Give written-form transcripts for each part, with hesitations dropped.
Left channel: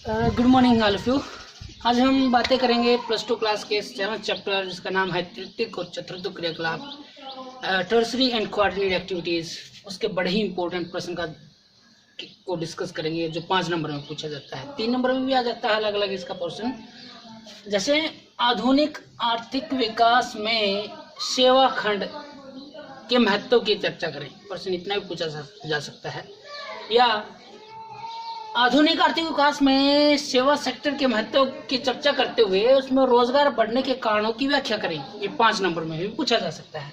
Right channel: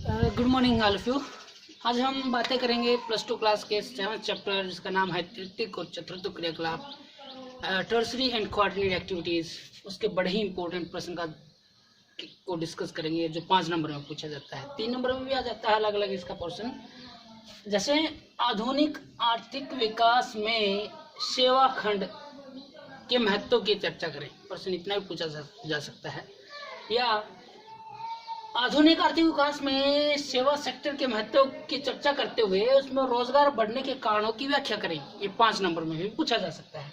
Good morning all of you. आज हम बातें करेंगे +2 क्लास के 7th चैप्टर जिसका नाम है तृतीयक और चतुर्थ क्रियाकलाप टर्सरी एंड कोऑर्डिनेट एक्टिविटीज़। उसके बड़े ही इंपॉर्टेंट प्रश्न को डिस्कस करेंगे जो 5 नंबर में पूछा जाता है, 3 नंबर में भी आ जाता है अलग अलग इसका पोर्शन। जैसे आधुनिक आर्थिक विकास में सेवा खंड के महत्व की चर्चा करें, प्रश्न इतना भी पूछा जा सकता है। या आधुनिक आर्थिक विकास में सेवा सेक्टर के महत्व की चर्चा करते हुए उसमें रोजगार बढ़ने के कारणों की व्याख्या करें, ये 5 नंबर में भी पूछा जा सकता है।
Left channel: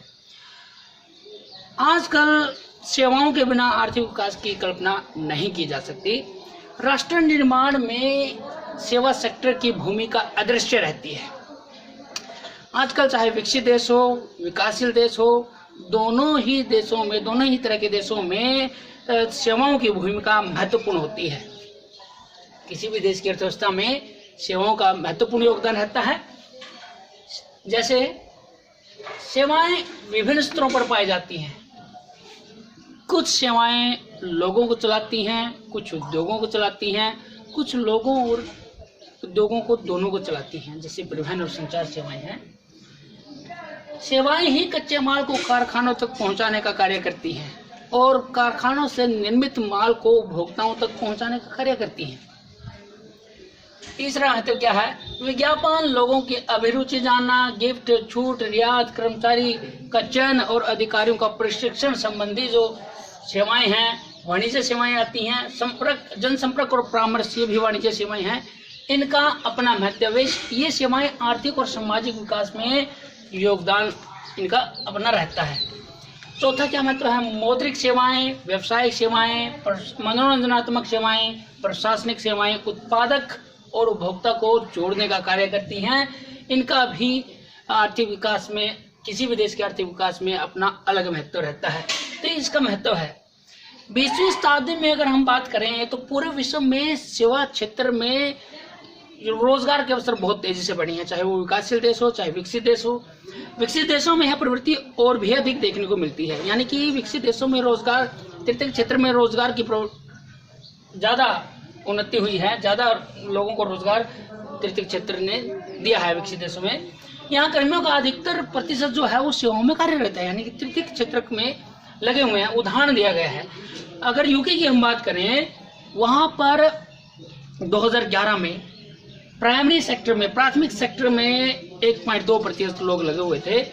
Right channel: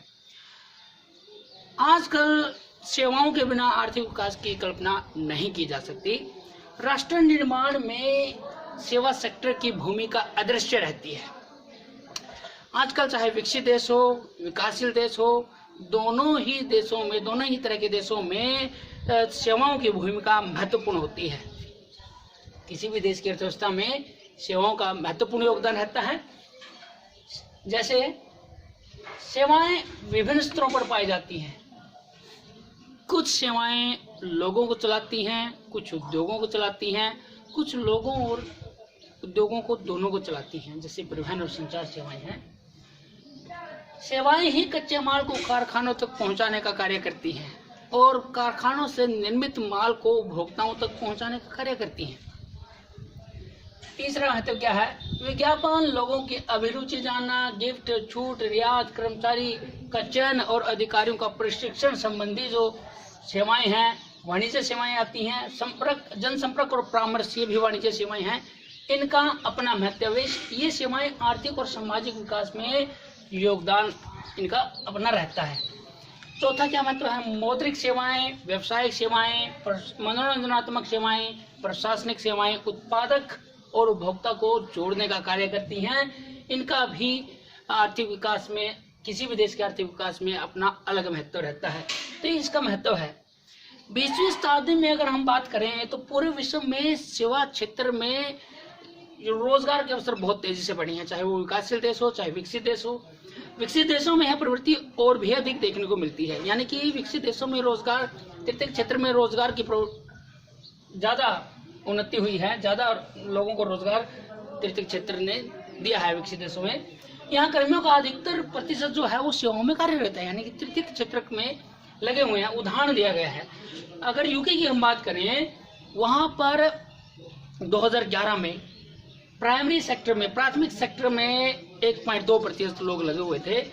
आजकल सेवाओं के बिना आर्थिक विकास की कल्पना नहीं की जा सकती। राष्ट्र निर्माण में सेवा सेक्टर की भूमिका अदृश्य रहती है। आजकल चाहे विकसित देश हो, विकासशील देश हो, दोनों ही तरह के देशों में सेवाओं की भूमिका महत्वपूर्ण होती है। किसी भी देश की अर्थव्यवस्था में सेवाओं का महत्वपूर्ण योगदान रहता है। जैसे सेवाएं विभिन्न स्तरों पर पाई जाती हैं। कुछ सेवाएं लोगों को चलाती हैं, कुछ उद्योगों को चलाती हैं, कुछ लोगों और उद्योगों को दोनों को चलाती हैं। जैसे परिवहन और संचार सेवाएं हैं। सेवाएं ही कच्चे माल को कारखानों तक पहुंचाने का कार्य करती हैं और कारखानों से निर्मित माल को उपभोक्ताओं तक पहुंचाने का कार्य करती हैं। तीसरा महत्व क्या है? विज्ञापन, लोगों की अभिरुचि जानना, गिफ्ट, छूट, रियायत, कर्मचारी का चयन और अधिकारियों का प्रशिक्षण संबंधी जो सेवाएं हैं, वाणिज्य सेवाएं आती हैं। संपर्क, जनसंपर्क और परामर्श, ये भी वाणिज्य सेवाएं हैं। इनका अपना महत्व है। ये सेवाएं आर्थिक और सामाजिक विकास में योगदान इनका अपना रहता है। चौथा क्या महत्व है? मौद्रिक सेवाएं, व्यवसायिक सेवाएं, मनोरंजनात्मक सेवाएं, प्रशासनिक सेवाएं उत्पादक और उपभोक्ता को जोड़ने का कार्य करती हैं। इनका भी आर्थिक विकास में, किसी भी देश के आर्थिक विकास में अपना अलग महत्व रहता है। तो इसका महत्व है। 20वीं शताब्दी में अगर हम बात करें तो पूरे विश्व में सेवा क्षेत्र में रोजगार के अवसर बहुत तेजी से बढ़े हैं, चाहे वो विकासशील देश हो चाहे विकसित देश हो। विकसित देशों में यह प्रवृत्ति और भी अधिक देखने को मिलती है। यानी कि विकसित देशों में रोजगार, तृतीयक क्षेत्र में रोजगार की ज़्यादा उन्नति हुई है, ज़्यादा लोगों को रोजगार तृतीयक क्षेत्र ने दिया है विकसित देशों में। यहाँ कर्मियों का अधिकतर प्रतिशत जो है वो सेवाओं में कार्यरत है, यानी कि तृतीयक क्षेत्र में लगे हुए हैं। उदाहरण दिया गया है, अगर यूके की हम बात करें, वहाँ पर 2011 में प्राइमरी सेक्टर में, प्राथमिक सेक्टर में 1.2% लोग लगे हुए थे।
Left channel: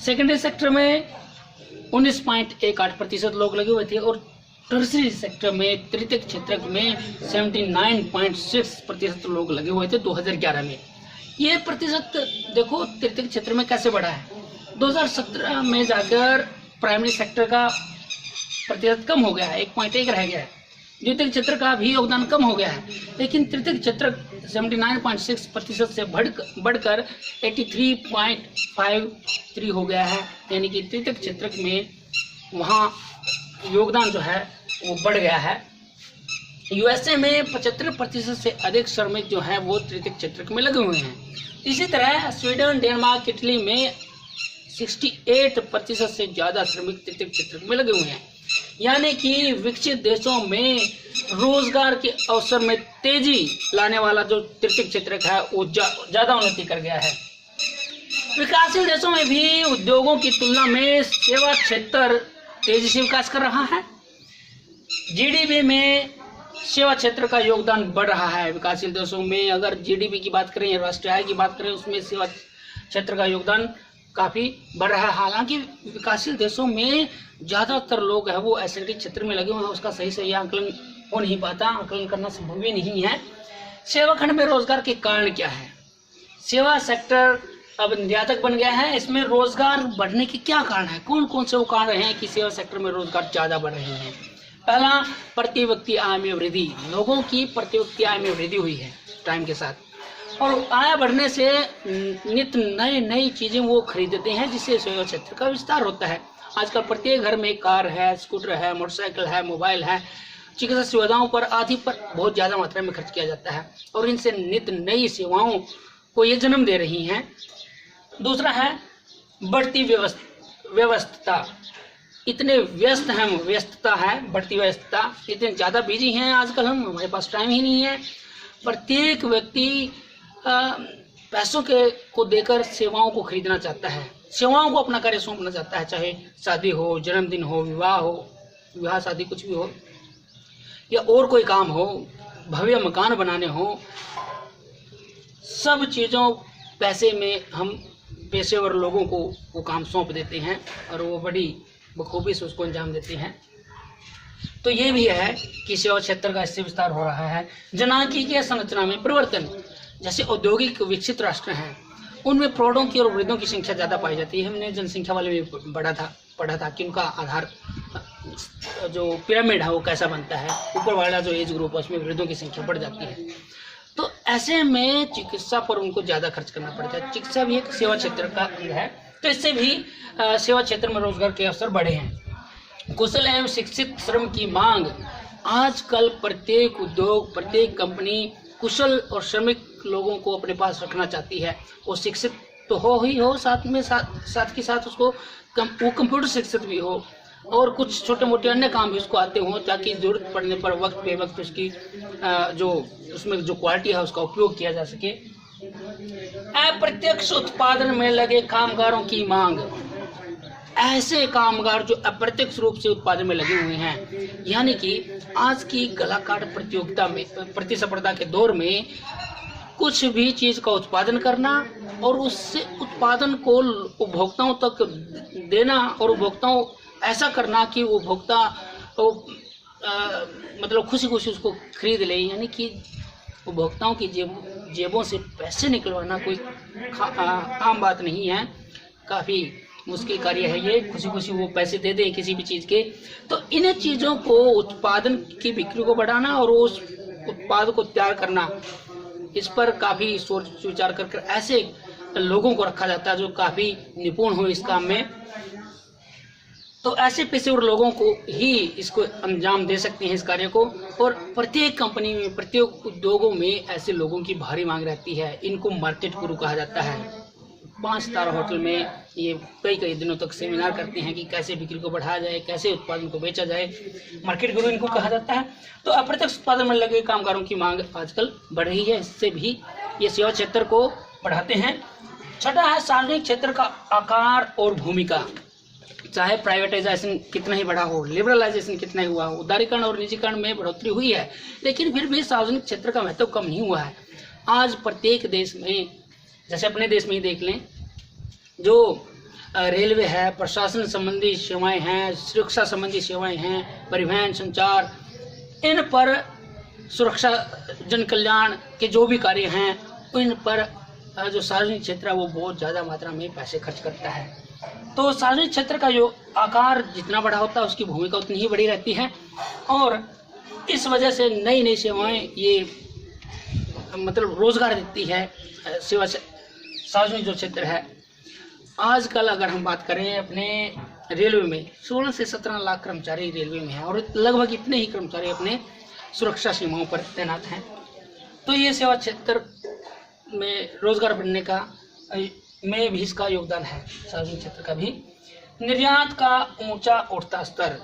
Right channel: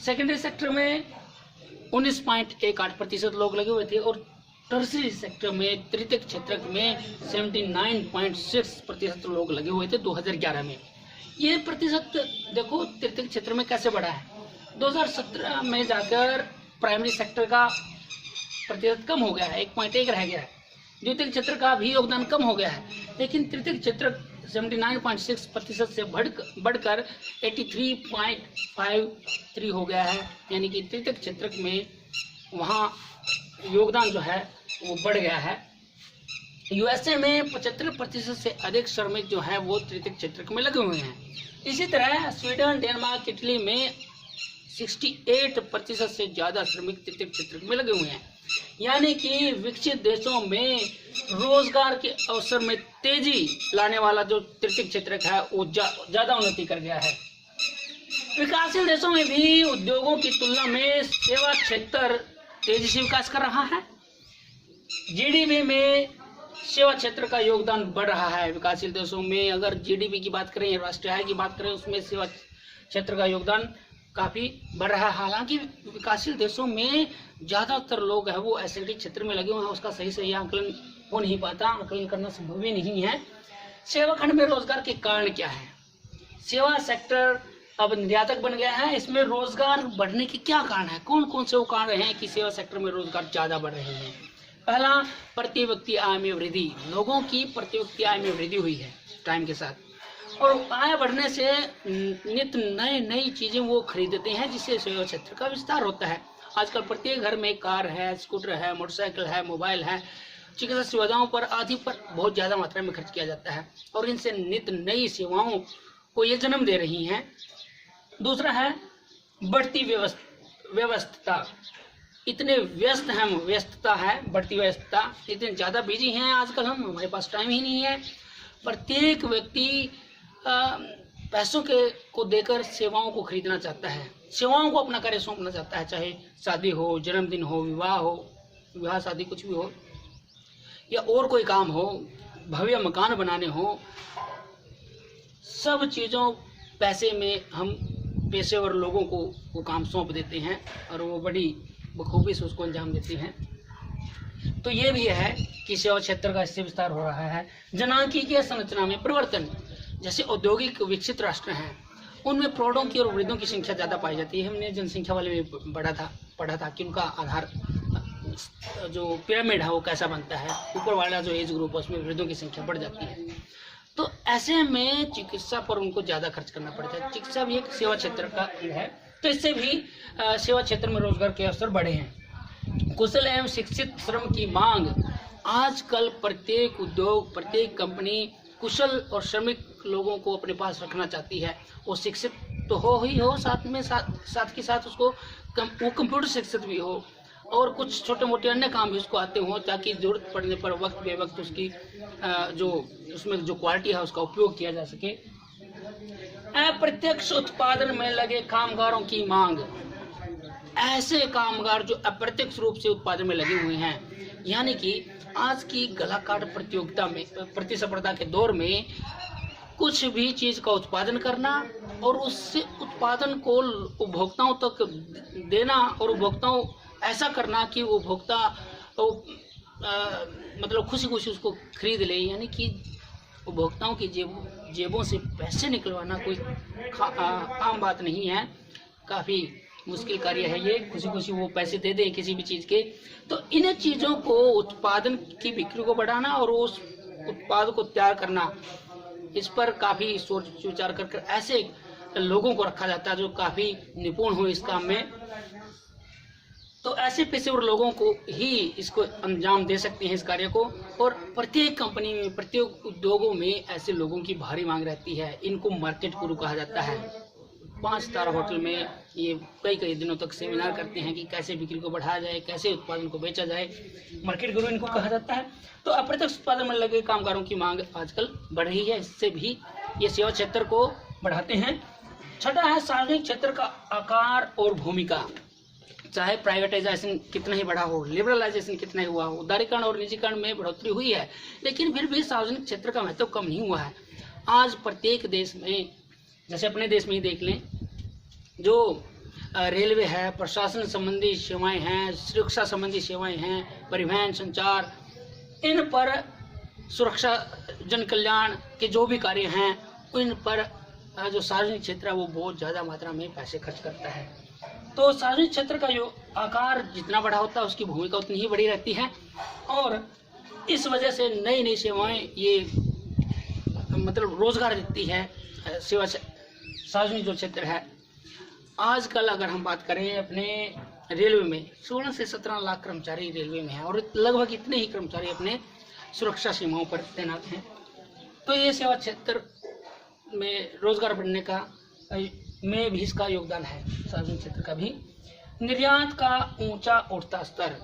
सेकेंडरी सेक्टर में 19.18% लोग लगे हुए थे और टर्सरी सेक्टर में, तृतीयक क्षेत्र में 79.6% लोग लगे हुए थे 2011 में। ये प्रतिशत देखो तृतीयक क्षेत्र में कैसे बढ़ा है। 2017 में जाकर प्राइमरी सेक्टर का प्रतिशत कम हो गया है, 1.1 रह गया है। द्वितीयक क्षेत्र का भी योगदान कम हो गया है, लेकिन तृतीयक क्षेत्र 79.6% से बढ़कर 83.53 हो गया है। यानी कि तृतीयक क्षेत्र में वहाँ योगदान जो है वो बढ़ गया है। यूएसए में 75% से अधिक श्रमिक जो है वो तृतीयक क्षेत्र में लगे हुए हैं। इसी तरह स्वीडन, डेनमार्क, इटली में 68% से ज़्यादा श्रमिक तृतीयक क्षेत्र में लगे हुए हैं। यानी कि विकसित देशों में रोजगार के अवसर में तेजी लाने वाला जो तृतीयक क्षेत्र है वो ज़्यादा उन्नति कर गया है। विकासशील देशों में भी उद्योगों की तुलना में सेवा क्षेत्र तेजी से विकास कर रहा है। जीडीपी में सेवा क्षेत्र का योगदान बढ़ रहा है। विकासशील देशों में अगर जीडीपी की बात करें, राष्ट्रीय आय की बात करें, उसमें सेवा क्षेत्र का योगदान काफ़ी बढ़ रहा है। हालांकि विकासशील देशों में ज़्यादातर लोग है वो ऐसे क्षेत्र में लगे हुए हैं, उसका सही से यह आंकलन हो नहीं पाता, आंकलन करना संभव भी नहीं है। सेवा खंड में रोजगार के कारण क्या है? सेवा सेक्टर अब निर्यातक बन गया है। इसमें रोजगार बढ़ने के क्या कारण है? कौन कौन से वो कारण हैं कि सेवा सेक्टर में रोजगार ज़्यादा बढ़ रहे हैं? पहला, प्रति व्यक्ति आय में वृद्धि। लोगों की प्रति व्यक्ति आय में वृद्धि हुई है टाइम के साथ, और आय बढ़ने से नित्य नई चीज़ें वो खरीदते हैं, जिससे सेवा क्षेत्र का विस्तार होता है। आजकल प्रत्येक घर में कार है, स्कूटर है, मोटरसाइकिल है, मोबाइल है। चिकित्सा सुविधाओं पर आदि पर बहुत ज़्यादा मात्रा में खर्च किया जाता है और इनसे नित्य नई सेवाओं को ये जन्म दे रही हैं। दूसरा है बढ़ती व्यस्तता। इतने व्यस्त हैं, व्यस्तता है, बढ़ती व्यस्तता, इतने ज़्यादा बिजी हैं आजकल हम, हमारे पास टाइम ही नहीं है। प्रत्येक व्यक्ति पैसों को देकर सेवाओं को खरीदना चाहता है, सेवाओं को अपना कार्य सौंपना चाहता है, चाहे शादी हो, जन्मदिन हो, विवाह शादी कुछ भी हो, या और कोई काम हो, भव्य मकान बनाने हो, सब चीज़ों पैसे में हम पेशेवर लोगों को वो काम सौंप देते हैं और वो बड़ी बखूबी से उसको अंजाम देते हैं। तो ये भी है कि सेवा क्षेत्र का इससे विस्तार हो रहा है। जनांकीय संरचना में परिवर्तन, जैसे औद्योगिक विकसित राष्ट्र हैं उनमें प्रौढ़ों की और वृद्धों की संख्या ज़्यादा पाई जाती है। हमने जनसंख्या वाले में पढ़ा था कि उनका आधार जो पिरामिड है वो कैसा बनता है, ऊपर वाला जो एज ग्रुप है उसमें वृद्धों की संख्या बढ़ जाती है। तो ऐसे में चिकित्सा पर उनको ज़्यादा खर्च करना पड़ता है। चिकित्सा भी एक सेवा क्षेत्र का अंग है, तो इससे भी सेवा क्षेत्र में रोजगार के अवसर बढ़े हैं। कुशल एवं शिक्षित श्रम की मांग, आजकल प्रत्येक उद्योग, प्रत्येक कंपनी कुशल और श्रमिक लोगों को अपने पास रखना चाहती है। वो शिक्षित तो हो, साथ के साथ उसको वो कंप्यूटर शिक्षित भी हो और कुछ छोटे मोटे अन्य काम भी उसको आते हों, ताकि जरूरत पड़ने पर वक्त बे वक्त उसकी जो उसमें जो क्वालिटी है उसका उपयोग किया जा सके। अप्रत्यक्ष उत्पादन में लगे कामगारों की मांग, ऐसे कामगार जो अप्रत्यक्ष रूप से उत्पादन में लगे हुए हैं, यानी कि आज की कलाकार प्रतियोगिता में, प्रतिस्पर्धा के दौर में कुछ भी चीज का उत्पादन करना और उससे उत्पादन को उपभोक्ताओं तक देना और उपभोक्ताओं ऐसा करना कि उपभोक्ता मतलब खुशी खुशी उसको खरीद ले, यानी कि उपभोक्ताओं की जेबों से पैसे निकलवाना कोई आम बात नहीं है, काफ़ी मुश्किल कार्य है ये। खुशी खुशी वो पैसे दे दें किसी भी चीज़ के। तो इन चीज़ों को, उत्पादन की बिक्री को बढ़ाना और उस उत्पाद को तैयार करना, इस पर काफ़ी सोच विचार कर ऐसे लोगों को रखा जाता है जो काफ़ी निपुण हो इस काम में। तो ऐसे पेशेवर लोगों को ही इसको अंजाम दे सकते हैं इस कार्य को। और प्रत्येक कंपनी में, प्रत्येक उद्योगों में ऐसे लोगों की भारी मांग रहती है। इनको मार्केट गुरु कहा जाता है। 5 स्टार होटल में ये कई दिनों तक सेमिनार करते हैं कि कैसे बिक्री को बढ़ाया जाए, कैसे उत्पादन को बेचा जाए। मार्केट गुरु इनको कहा जाता है। तो अप्रत्यक्ष उत्पादन में लगे कामगारों की मांग आजकल बढ़ रही है, इससे भी ये सेवा क्षेत्र को बढ़ाते हैं। छठा है सार्वजनिक क्षेत्र का आकार और भूमिका। चाहे प्राइवेटाइजेशन कितना ही बढ़ा हो, लिबरलाइजेशन कितना ही हुआ हो, उदारीकरण और निजीकरण में बढ़ोतरी हुई है, लेकिन फिर भी सार्वजनिक क्षेत्र का महत्व कम नहीं हुआ है। आज प्रत्येक देश में, जैसे अपने देश में ही देख लें, जो रेलवे है, प्रशासन संबंधी सेवाएं हैं, सुरक्षा संबंधी सेवाएं हैं, परिवहन, संचार, इन पर सुरक्षा, जन कल्याण के जो भी कार्य हैं, इन पर जो सार्वजनिक क्षेत्र है वो बहुत ज़्यादा मात्रा में पैसे खर्च करता है। तो सार्वजनिक क्षेत्र का जो आकार जितना बड़ा होता है उसकी भूमिका उतनी ही बड़ी रहती है और इस वजह से नई नई सेवाएं ये मतलब रोजगार देती है। सेवा सार्वजनिक जो क्षेत्र है, आजकल अगर हम बात करें अपने रेलवे में 16 से 17 लाख कर्मचारी रेलवे में हैं और लगभग इतने ही कर्मचारी अपने सुरक्षा सीमाओं पर तैनात हैं। तो ये सेवा क्षेत्र में रोजगार बढ़ने का में भी इसका योगदान है, सार्वजनिक क्षेत्र का भी। निर्यात का ऊंचा उठता स्तर,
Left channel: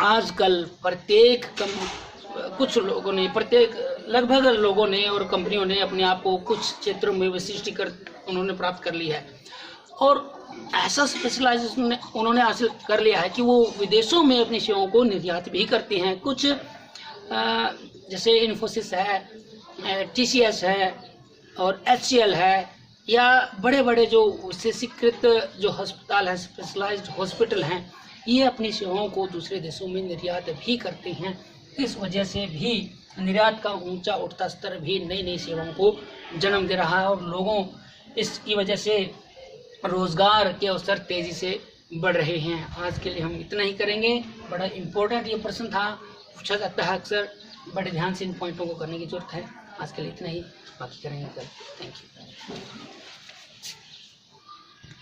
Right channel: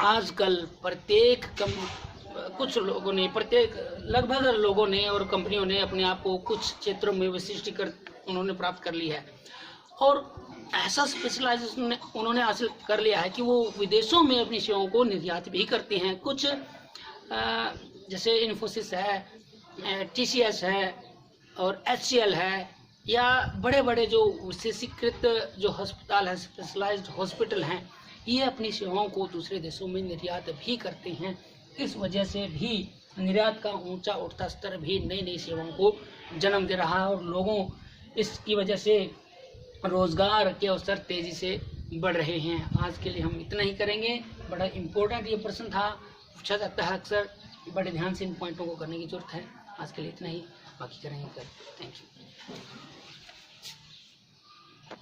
आजकल लगभग लोगों ने और कंपनियों ने अपने आप को कुछ क्षेत्रों में विशिष्टीकरण उन्होंने प्राप्त कर ली है और ऐसा स्पेशलाइजेशन उन्होंने हासिल कर लिया है कि वो विदेशों में अपनी सेवाओं को निर्यात भी करते हैं। कुछ जैसे इन्फोसिस है, TCS है और HCL है, या बड़े बड़े जो विशेषीकृत जो अस्पताल हैं, स्पेशलाइज्ड हॉस्पिटल हैं, ये अपनी सेवाओं को दूसरे देशों में निर्यात भी करते हैं। इस वजह से भी निर्यात का ऊंचा उठता स्तर भी नई नई सेवाओं को जन्म दे रहा है और लोगों इसकी वजह से रोजगार के अवसर तेजी से बढ़ रहे हैं। आज के लिए हम इतना ही करेंगे। बड़ा इम्पोर्टेंट ये प्रश्न था, पूछा जाता है अक्सर, बड़े ध्यान से इन पॉइंटों को करने की जरूरत है। आज के लिए इतना ही, बाकी करेंगे कल। Thank you.